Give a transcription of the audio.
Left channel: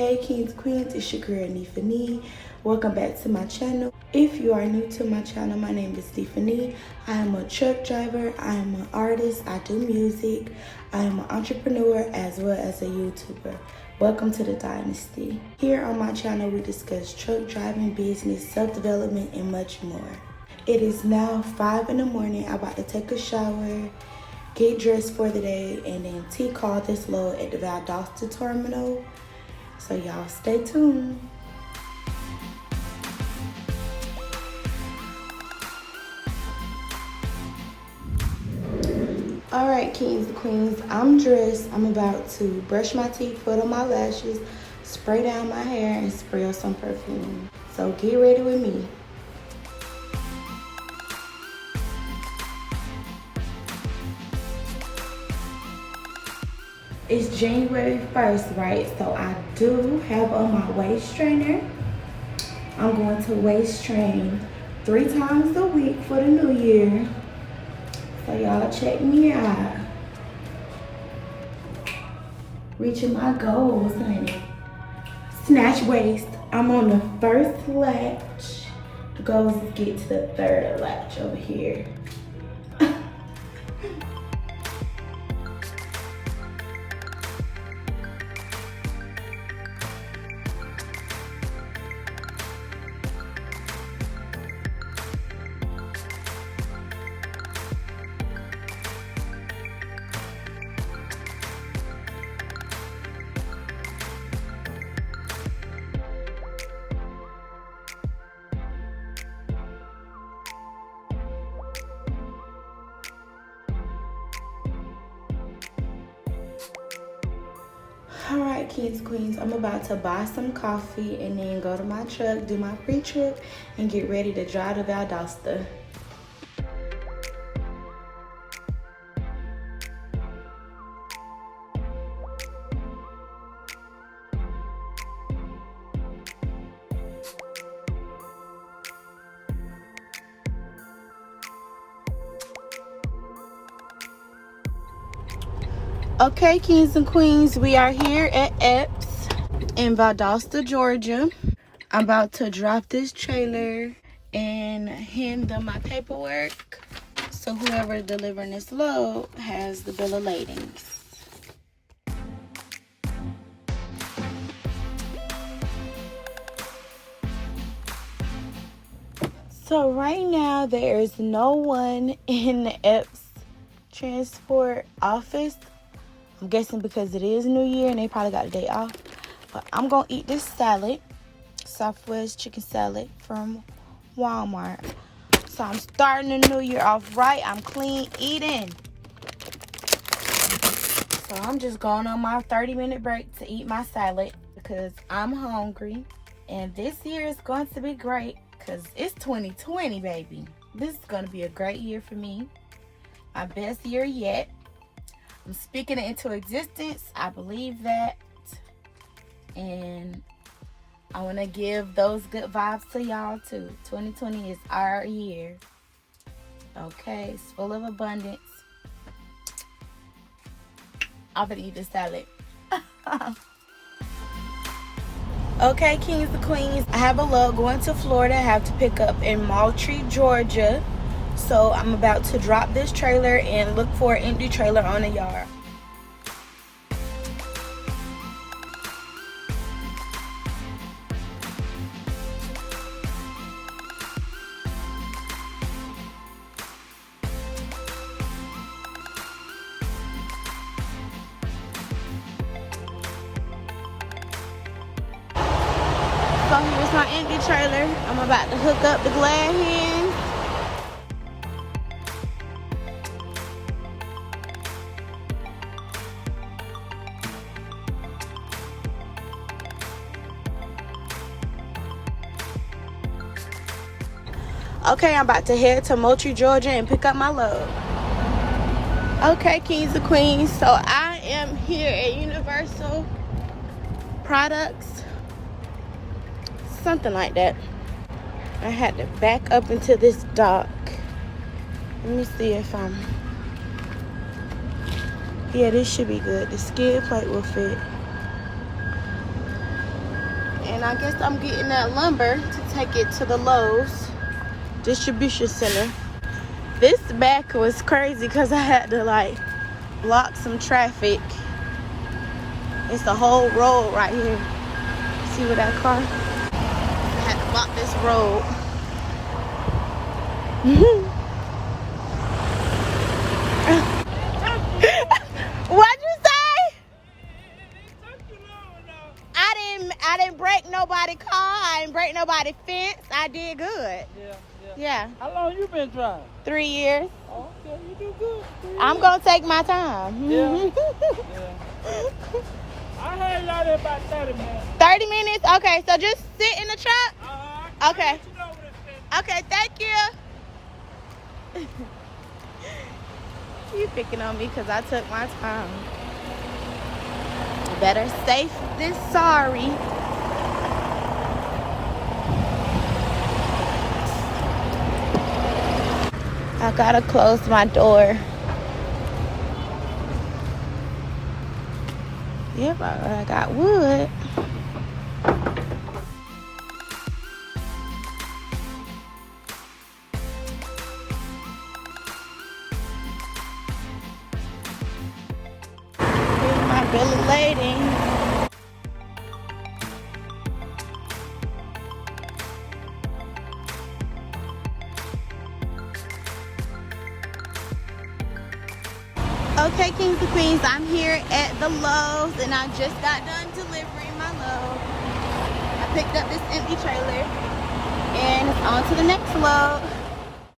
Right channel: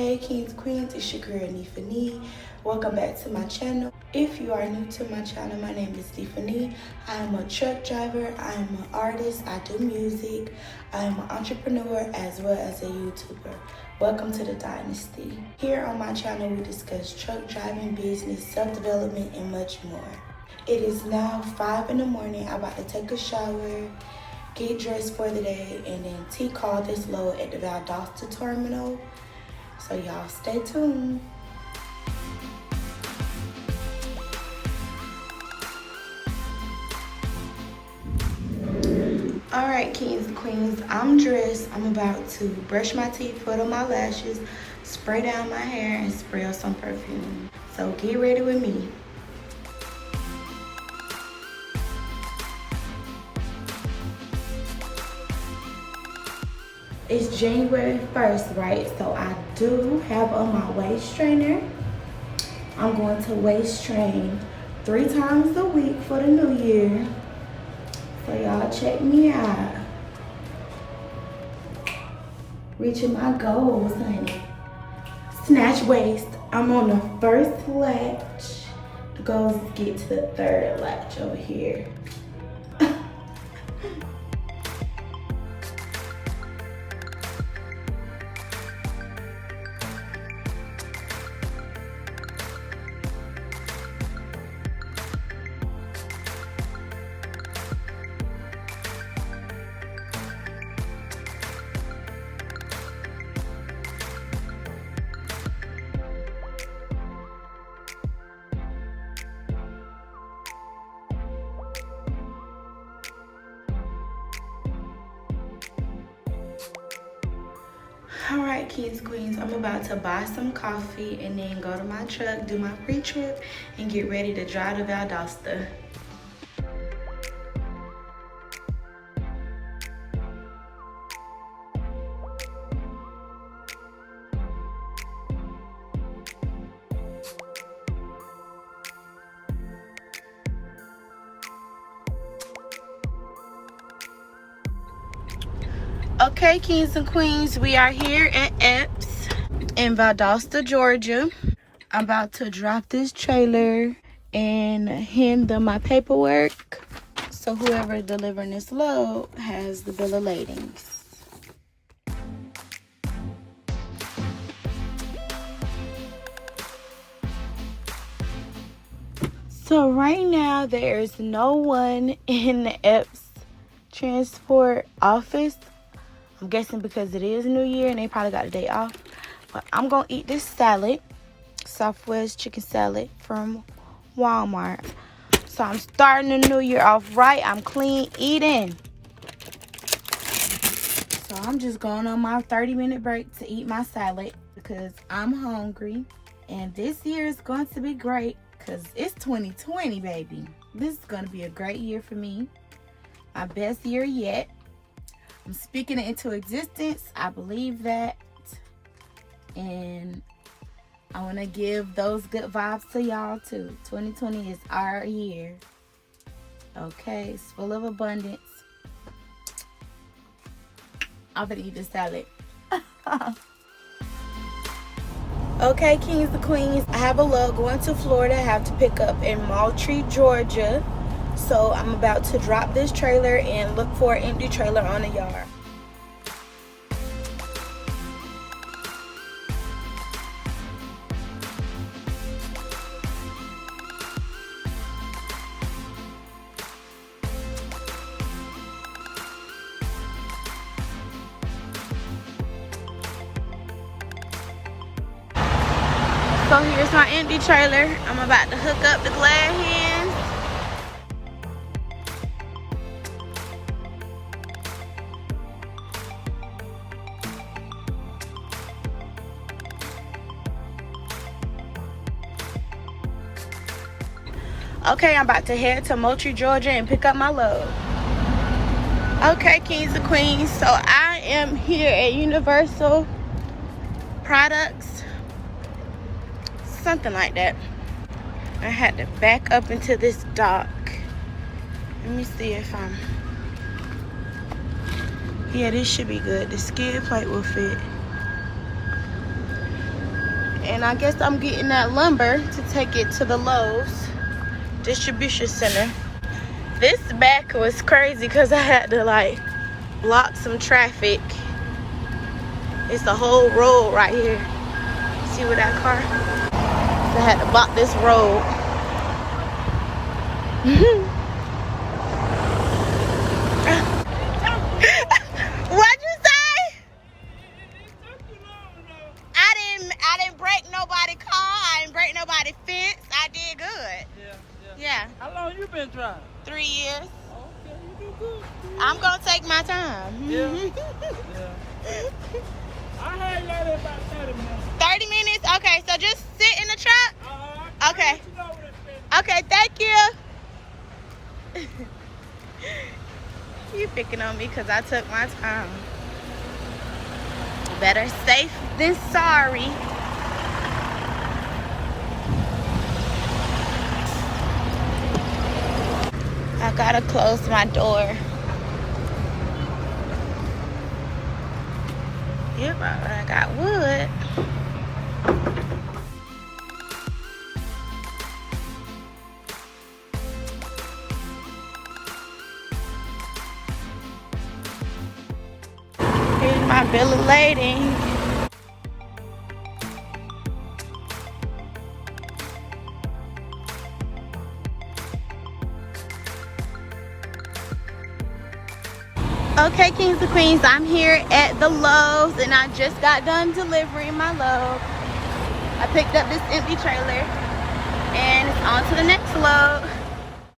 Hey kings, queens, it's your girl Neefah Nee. Welcome back to my channel. If you are new to my channel, my name is Neefah Nee. I am a truck driver, I am an artist, I do music, I am an entrepreneur as well as a YouTuber. Welcome to the Dynasty. Here on my channel we discuss truck driving, business, self-development, and much more. It is now 5 in the morning. I'm about to take a shower, get dressed for the day, and then call this load at the Valdosta terminal. So y'all stay tuned. Alright kings and queens, I'm dressed. I'm about to brush my teeth, put on my lashes, spray down my hair, and spray on some perfume. So get ready with me. It's January 1st, right? So I do have on my waist trainer. I'm going to waist train 3 times a week for the new year. So y'all check me out. Reaching my goals, honey. Snatch waist. I'm on the first latch. The goal is to get to the 3rd latch over here. Alright kids, queens, I'm about to buy some coffee and then go to my truck, do my pre-trip, and get ready to drive to Valdosta. Okay, kings and queens, we are here at Epps in Valdosta, Georgia. I'm about to drop this trailer and hand them my paperwork, so whoever delivering this load has the bill of ladings. So right now there is no one in the Epps transport office. I'm guessing because it is New Year and they probably got a day off. But I'm going to eat this salad, Southwest chicken salad from Walmart. So I'm starting the new year off right. I'm clean eating. So I'm just going on my 30-minute break to eat my salad because I'm hungry. And this year is going to be great because it's 2020, baby. This is going to be a great year for me. My best year yet. I'm speaking it into existence. I believe that. And I want to give those good vibes to y'all too. 2020 is our year. Okay, it's full of abundance. I'm gonna eat the salad. Okay, kings and queens. I have a load going to Florida. I have to pick up in Moultrie, Georgia. So I'm about to drop this trailer and look for an empty trailer on the yard. So here's my empty trailer. I'm about to hook up the glad hands. Okay, I'm about to head to Moultrie, Georgia and pick up my load. Okay, kings and queens, so I am here at Universal Products, something like that. I had to back up into this dock. Let me see if I'm... Yeah, this should be good. The skid plate will fit. And I guess I'm getting that lumber to take it to the Lowe's distribution center. This back was crazy because I had to like block some traffic. It's the whole road right here. See where that car? So I had to block this road. What'd you say? I didn't break nobody's car. I didn't break nobody's fence. I did good. Yeah. How long you been driving? 3 years. Okay, you do good. I'm gonna take my time. Yeah. I heard y'all there about 30 minutes. 30 minutes? Okay, so just sit in the truck? Okay. Okay, thank you. You picking on me because I took my time. Better safe than sorry. I gotta close my door. Yep, I got wood. Here's my bill of lading. Okay, kings and queens, I'm here at the Lowe's and I just got done delivering my load. I picked up this empty trailer and it's on to the next load.